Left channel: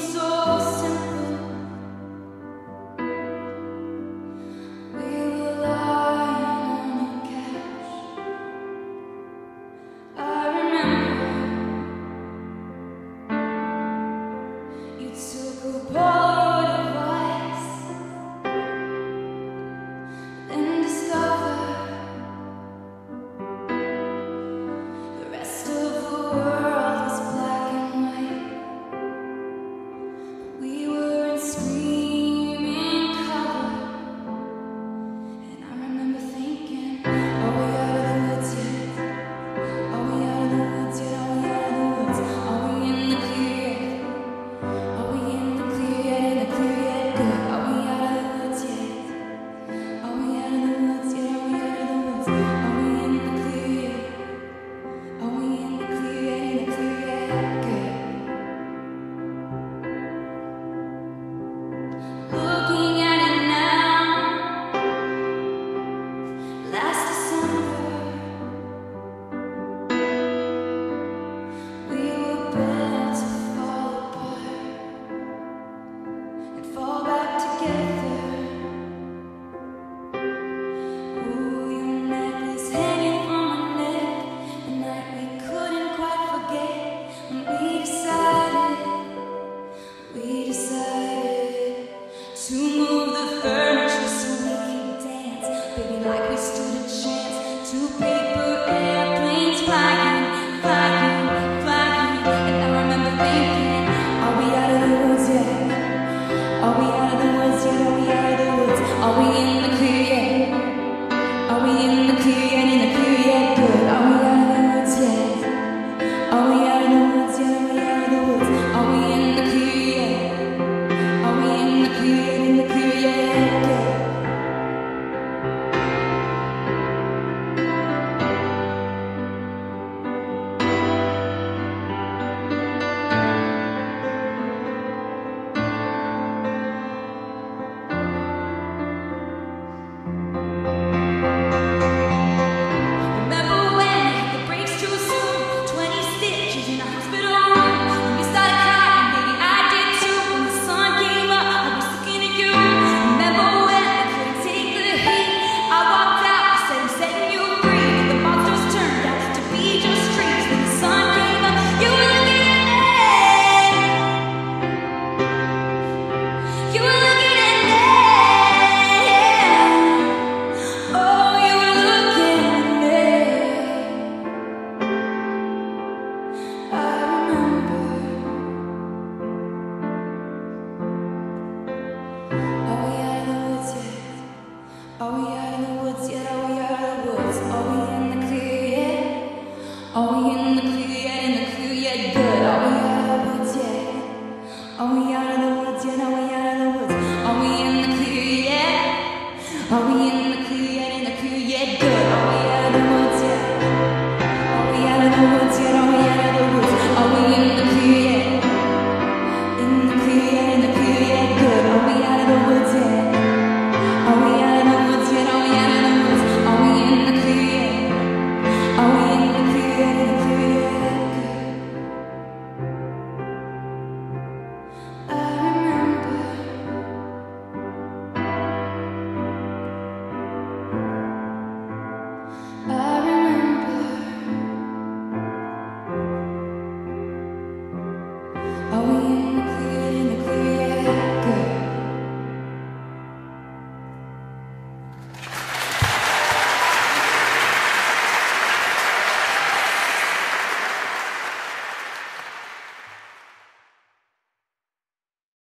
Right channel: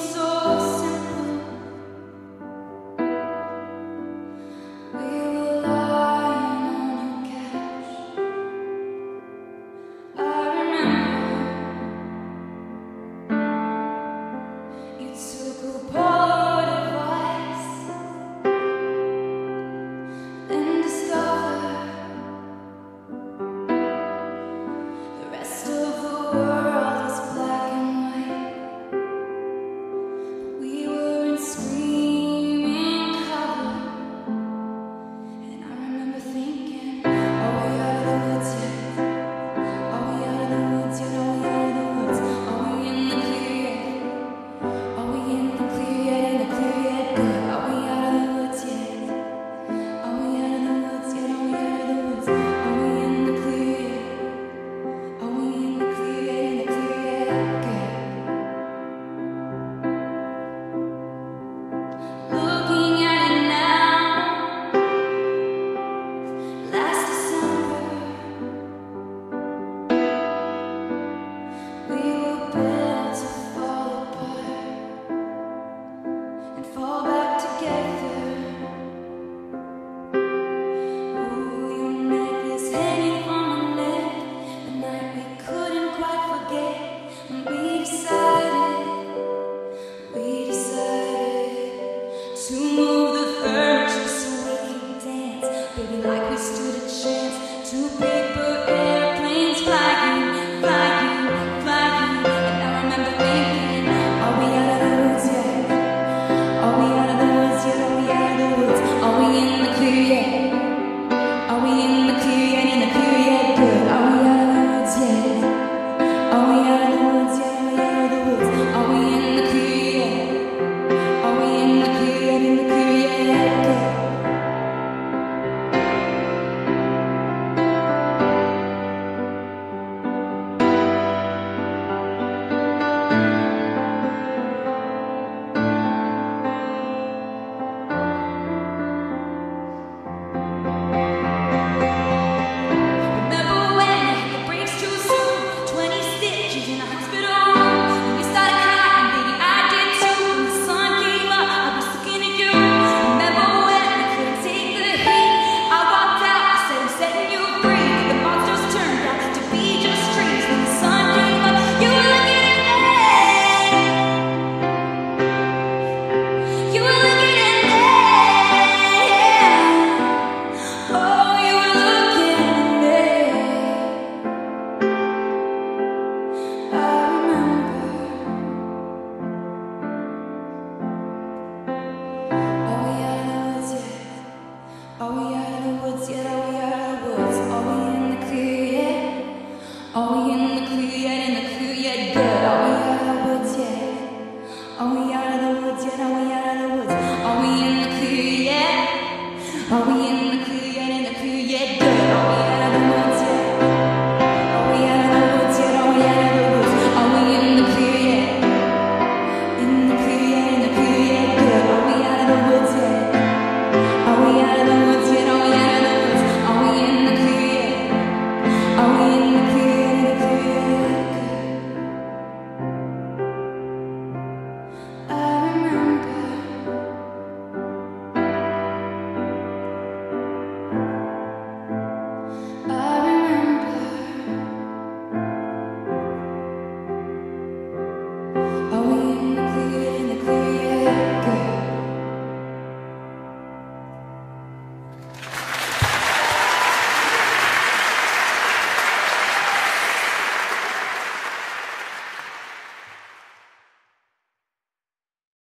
so simple. We were lying on your couch. I remember you took a Polaroid of us, then discovered the rest of the world was black and white. We were in screaming color, and I remember thinking, are we out of the woods yet? Are we out of the woods yet? Are we out of the woods? Are we in the clear yet? Are we in the clear yet? In the clear yet? Good. Are we out of the woods yet? Are we out of the woods yet? Are we out of the woods? Are we in the clear yet? Are we in the clear yet? In the clear yet? Good. Looking at it now, last December, we were built to fall apart and fall back together. Ooh, your necklace hanging from my neck, the night we couldn't quite forget when we decided to move the furniture so we could dance, baby, like we stood a chance. Two paper airplanes flying, flying, flying. And I remember thinking, are we out of the woods yet? Are we out of the woods yet? Are we out of the woods? Are we in the clear yet? Are we in the clear yet? In the clear yet? Good. Are we out of the woods yet? Are we out of the woods yet? Are we out of the woods? Are we in the clear yet? Are we in the clear yet? In the clear yet? Good. Remember when the brakes too soon, 20 stitches in a hospital room. When you started crying, baby, I did too. When the sun came up, I was looking at you. Remember when I couldn't take the heat? I walked out, I said I'm setting you free. But the monsters turned out to be just trees. When the sun came up, you were looking at me. You were looking at me. Oh, you were looking at me. I remember. Are we out of the woods yet? Are we out of the woods yet? Are we out of the woods? Are we in the clear yet? Are we in the clear yet? In the clear yet? Good. Are we out of the woods yet? Are we out of the woods yet? Are we out of the woods? Are we in the clear yet? Are we in the